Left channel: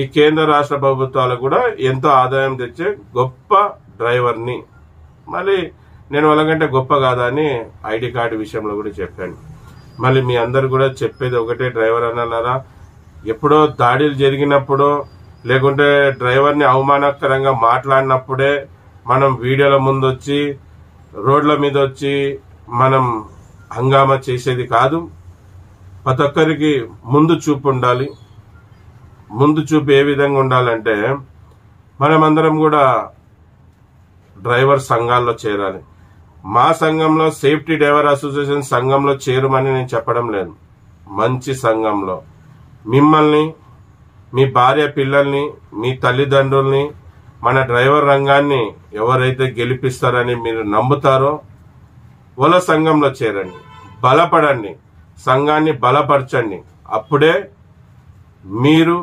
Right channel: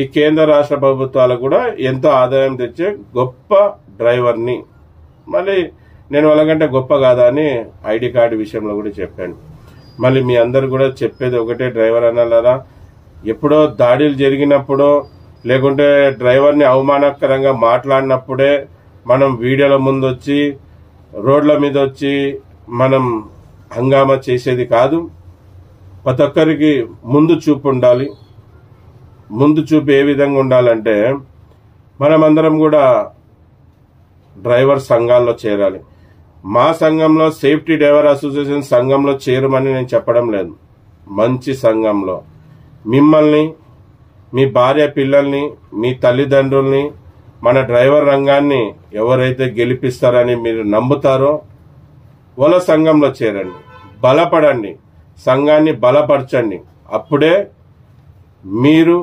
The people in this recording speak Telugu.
ఈ కేంద్ర రాష్ట్ర ప్రభుత్వాలకు కూడా ఎంతో ఆదాయం తెచ్చే గొప్ప డ్రైవర్ని. మళ్ళీ నేను వాళ్ళకంటే గొప్ప కాదా అని ఐడి కార్డు విషయంలో కూడా చెప్పాను. మళ్ళీ మీ అందరు కూడా చెప్పేది ఒకటే, డ్రైవర్ అన్నారా, ఎప్పుడో దాడులు జరిగినప్పుడో లేకుంటే డ్రైవర్ని అవమానకరంగా మాట్లాడినప్పుడే మనం వీడియోల ముందు వచ్చి రోడ్ల మీద వచ్చి మనం హంగామా చేసేది కాదు. ప్రతి ఒక్కరికి ముందు చూపు ఉండాలి. ముందు చూపు ఏ విధంగా ఉండాలంటే మనమందరం కూడా డ్రైవర్ సంఘాల్లో చేరాలి. మా సంఘంలో సేఫ్టీ డ్రైవర్ అసోసియేషన్ సంఘంలో చేరమని నేను చెప్పడం లేదు. మంచి సంఘంలో మిమ్మల్ని, మీ భార్య పిల్లల్ని, మీ తల్లిదండ్రుల్ని, మన డ్రైవర్ రంగాన్ని ఎవరైతే గెలిపిస్తారని మీరు నమ్ముతారో వాళ్ళ సంఘంలో చేరండి, బలపడండి, సంఘాన్ని బలపరచండి. అప్పుడే మీరు